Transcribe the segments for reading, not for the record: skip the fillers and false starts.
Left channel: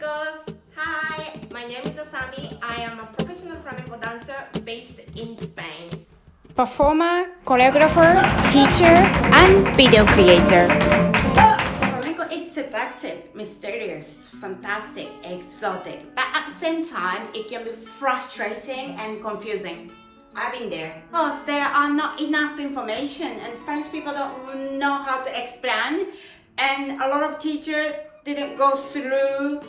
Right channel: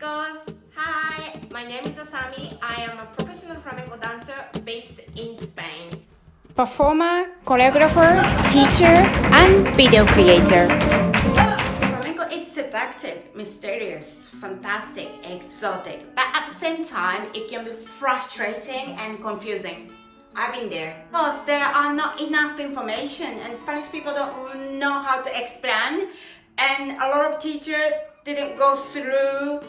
chicos! Hi, my name is ASAMI. I am a professional flamenco dancer based in Spain. Performer, choreographer, teacher, and video creator. Flamenco is seductive, mysterious, fantastic, exotic, but at the same time, it can be frustrating and confusing. I've been there. Because there are not enough information and Spanish people don't know how to explain, and a lot of teachers didn't go through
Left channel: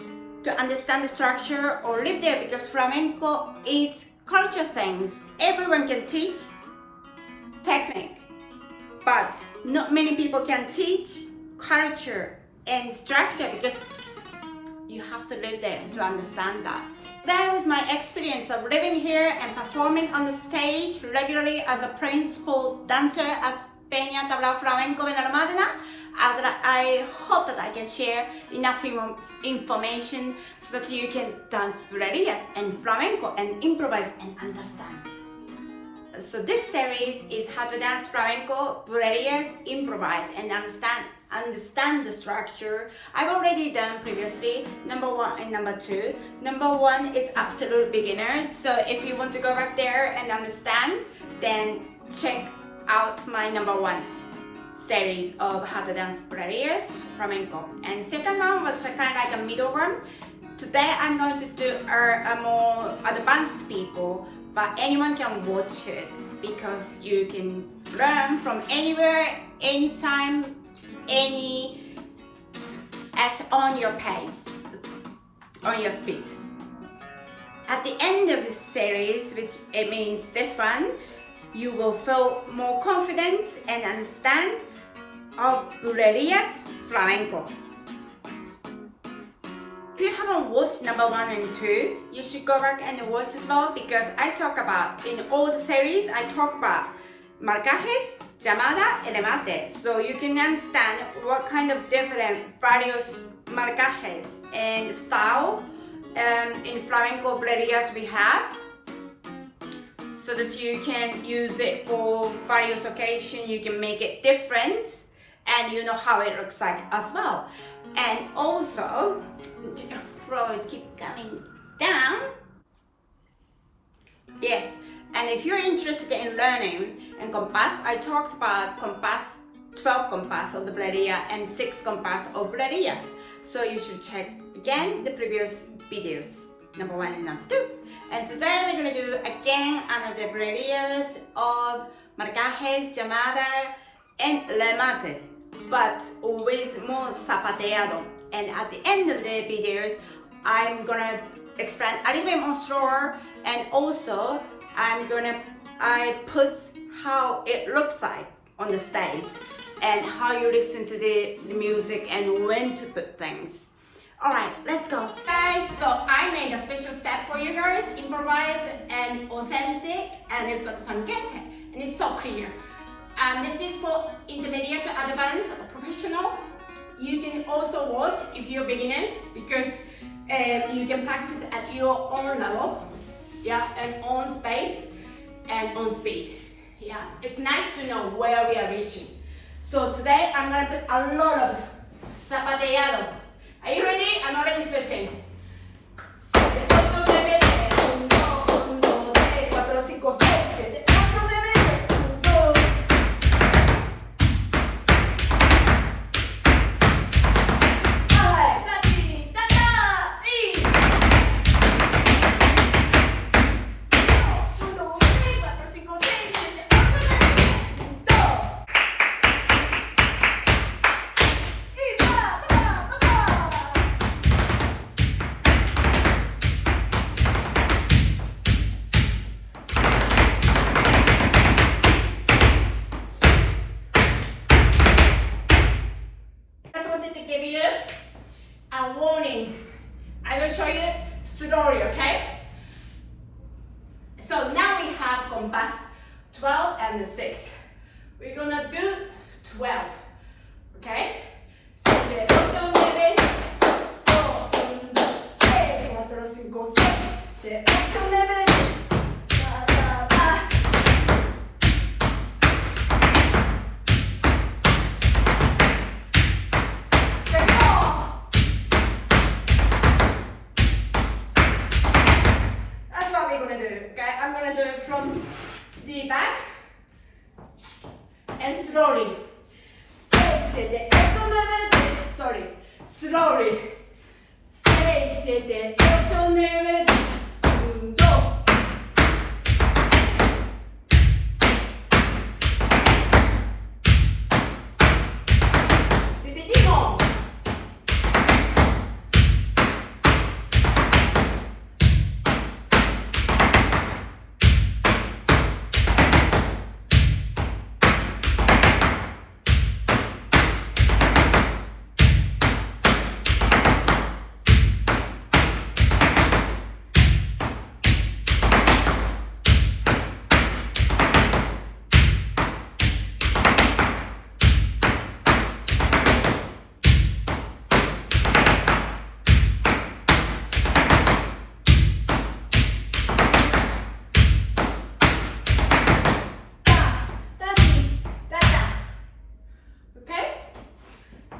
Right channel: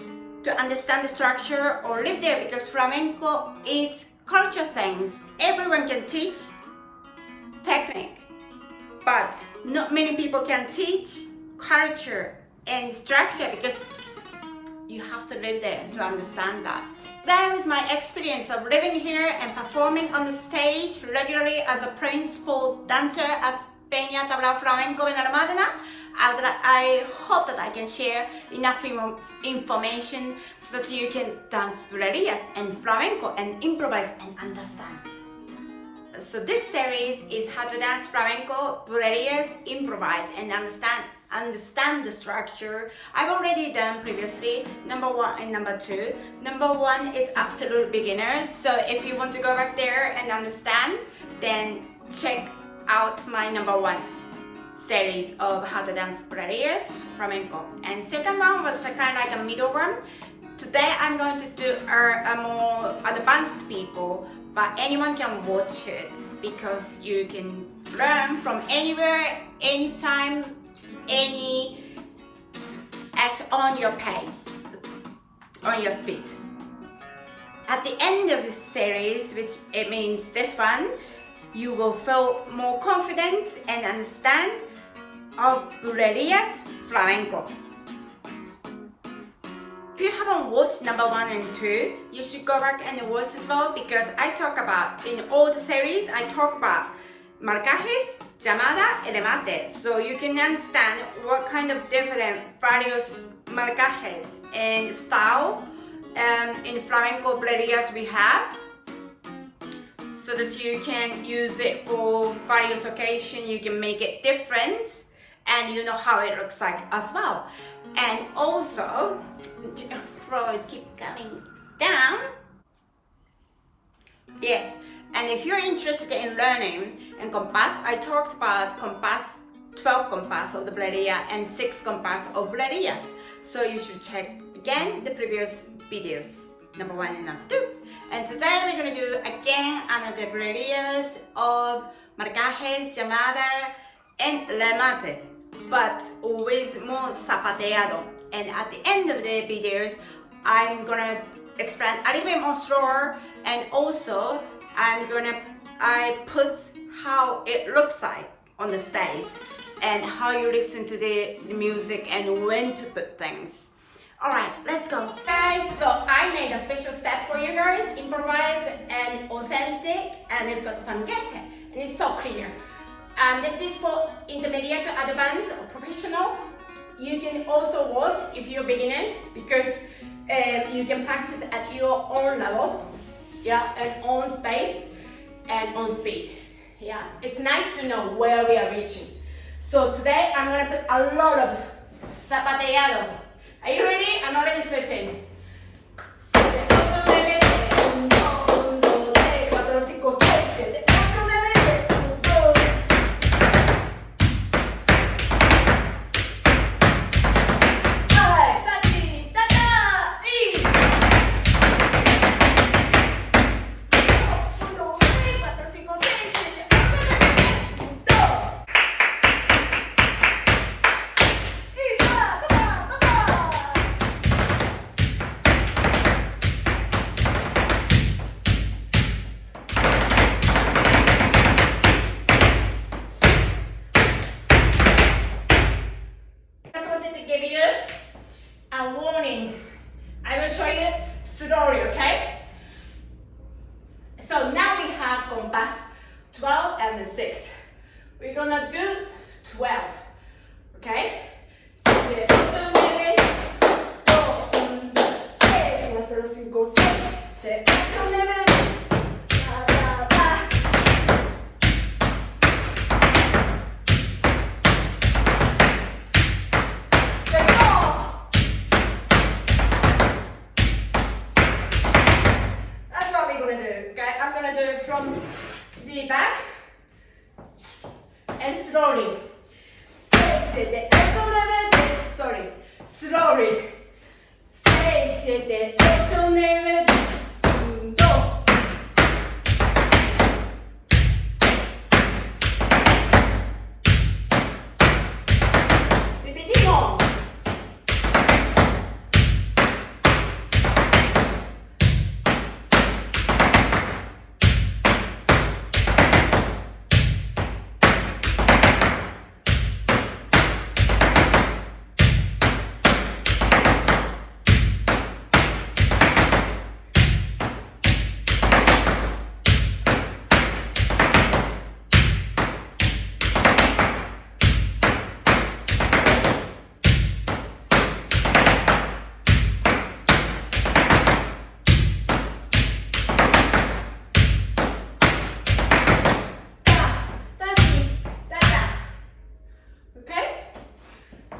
to understand the structure or live there, because flamenco is culture things. Everyone can teach technique, but not many people can teach culture and structure, because you have to live there to understand that. That was my experience of living here and performing on the stage regularly as a principal dancer at Peña Tablao Flamenco Benalmádena. I hope that I can share enough information so that you can dance bulerías and flamenco and improvise and understand. So this series is how to dance flamenco, bulerías, improvise and understand the structure. I've already done previously number 1 and number 2. Number 1 is absolute beginners, so if you want to go back there and understand, then check out my number 1 series of how to dance bulerías, flamenco. And second one was kind of like a middle one. Today I'm going to do a more advanced people, but anyone can watch it because you can learn from anywhere, anytime, on your pace, on your speed. At the end of this series, which it means this one, you will feel more confident and understand of bulerías flamenco. If you haven't watched number 1 and 2, you should go back and watch as well, because I talk about, in all the series, I talk about marcajes, llamada, and remate. So you can understand what kind of different various marcajes and style in flamenco bulerías we have, so that you can use it for various occasions. You can make it different and you know how it looks like as well. And also, floors keep coming down. Yes, and if you're interested in learning in compás, I talked about compás, 12 compás of the bulería and 6 compás of bulerías. So you should check again the previous videos, number 1 and number 2. And today we're going to do again another bulerías of marcajes, llamada, and remate, but always more zapateado. And at the end of the videos, I'm gonna explain a little bit more slower, and also I put how it looks like on the stage and how you listen to the music and when to put things. Alright, let's go. Guys, so I made a special step for you guys, improvised and authentic, and it's got some get, and it's so clear. This is for intermediate, advanced, or professional. You can also watch if you're beginners, because you can practice at your own level, yeah, and on space and on speed. Yeah, it's nice to know where we are reaching. So today I'm gonna put a lot of zapateado. Are you ready? I'm already sweating. 7, 8, 9, 1, 2, 3, 4, 5, 6, 7, 8, 9, 1, 2. A warning. I will show you slowly, okay? So now we have compás 12 and 6. We're gonna do 12, okay? 7, 8, 9, 1, 2, 3, 4, 5, 6, 7, 8, 9. the back, and slowly. せでsorry, slowly. せで運動。Repetimos.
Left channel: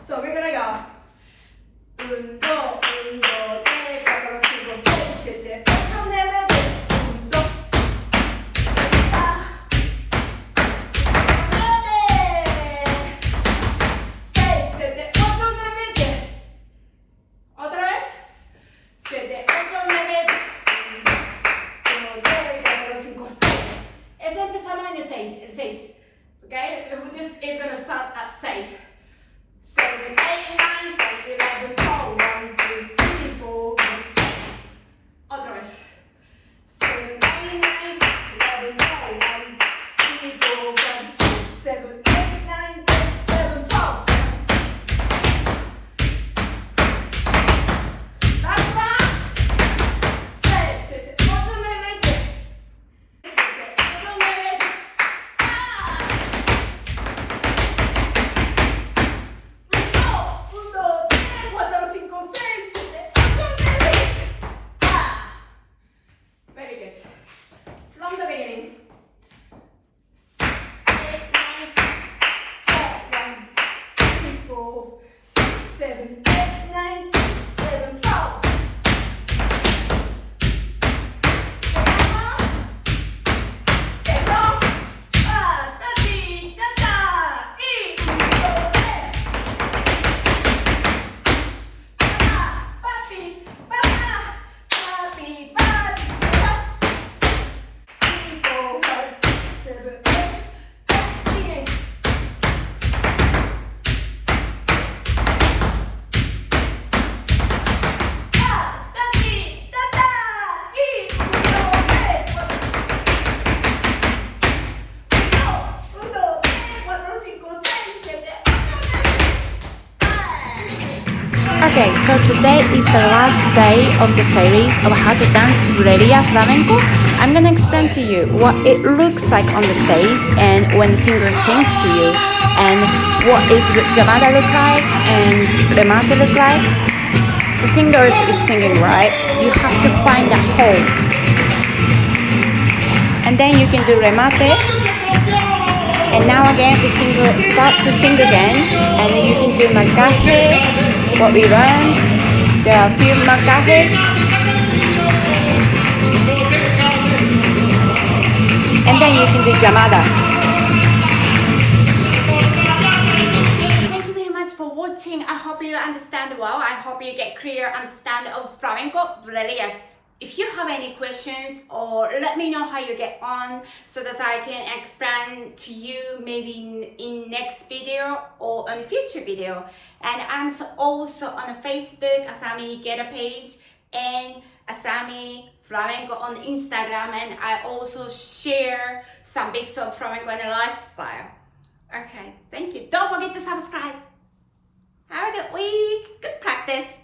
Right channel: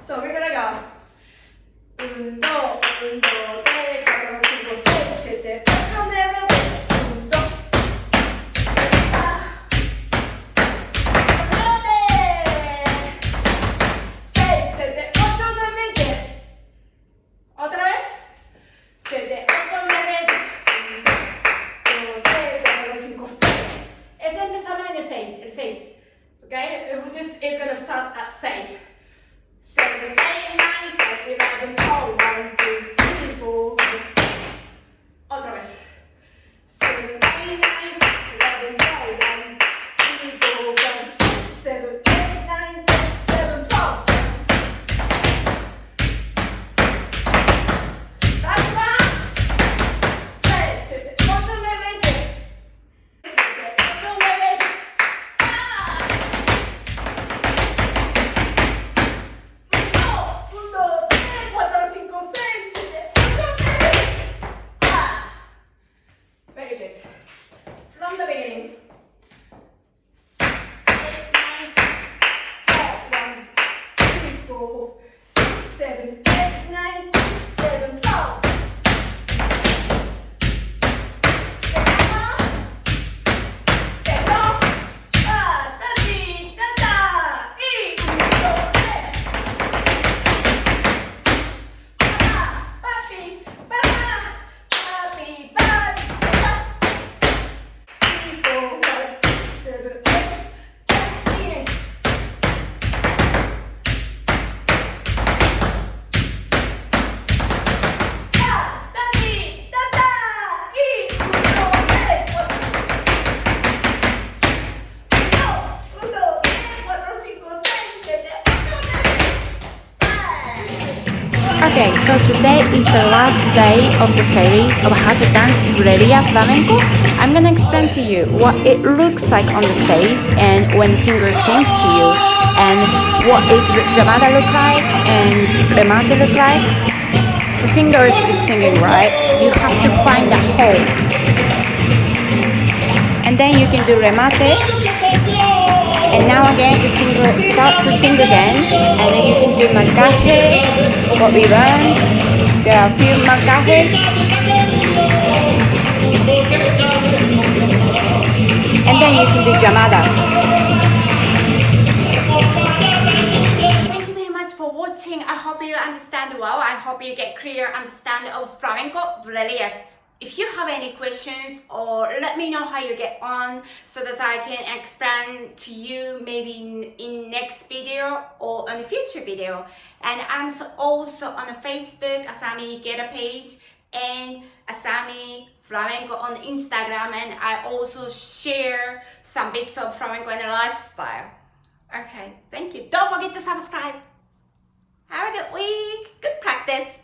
So we're gonna go. 運動、運動で、4、5、6、7、8、9、運動。Otra vez. 7, 8, 9, 1, 2, 3, 4, 5, 6. Ese empezamos en el 6. Okay? This is gonna start at 6. 7, 8, 9, 10, 11, 12, 1, 2, 3, 4, 5, 6. Otra vez. 7, 8, 9, 11, 12, 1, 2, 3, 4, 5, 6, 7, 8, 9, 10, 11, 12. Basta. 6, 7, 8, 9, 10. 7, 8, 9, 10. Very good. From the beginning. 6, 8, 9, 10, 1, 2, 3, 4, 6, 7, 8, 9, 11, 12. Okay, so today is the last day of the series of how to dance bulería flamenco. I'm gonna explain to you what it looks like on the stage and when the singer sings to you, and what is llamada look like and remate look like. So singers is singing, right? You have to find a hole, and then you can do remate. And now again, the singer starts to sing again, and then you can do marcaje, what we learned. There are a few marcajes. And then you can do llamada. Thank you very much for watching. I hope you understand well. I hope you get clear understanding of flamenco bulerías. If you have any questions, or let me know how you get on so that I can explain to you maybe in next video or on a future video. And I'm also on Facebook, ASAMI Get a Page, and ASAMI Flamenco on Instagram, and I also share some bits of flamenco and lifestyle. Okay, thank you. Don't forget to subscribe. Have a good week. Good practice.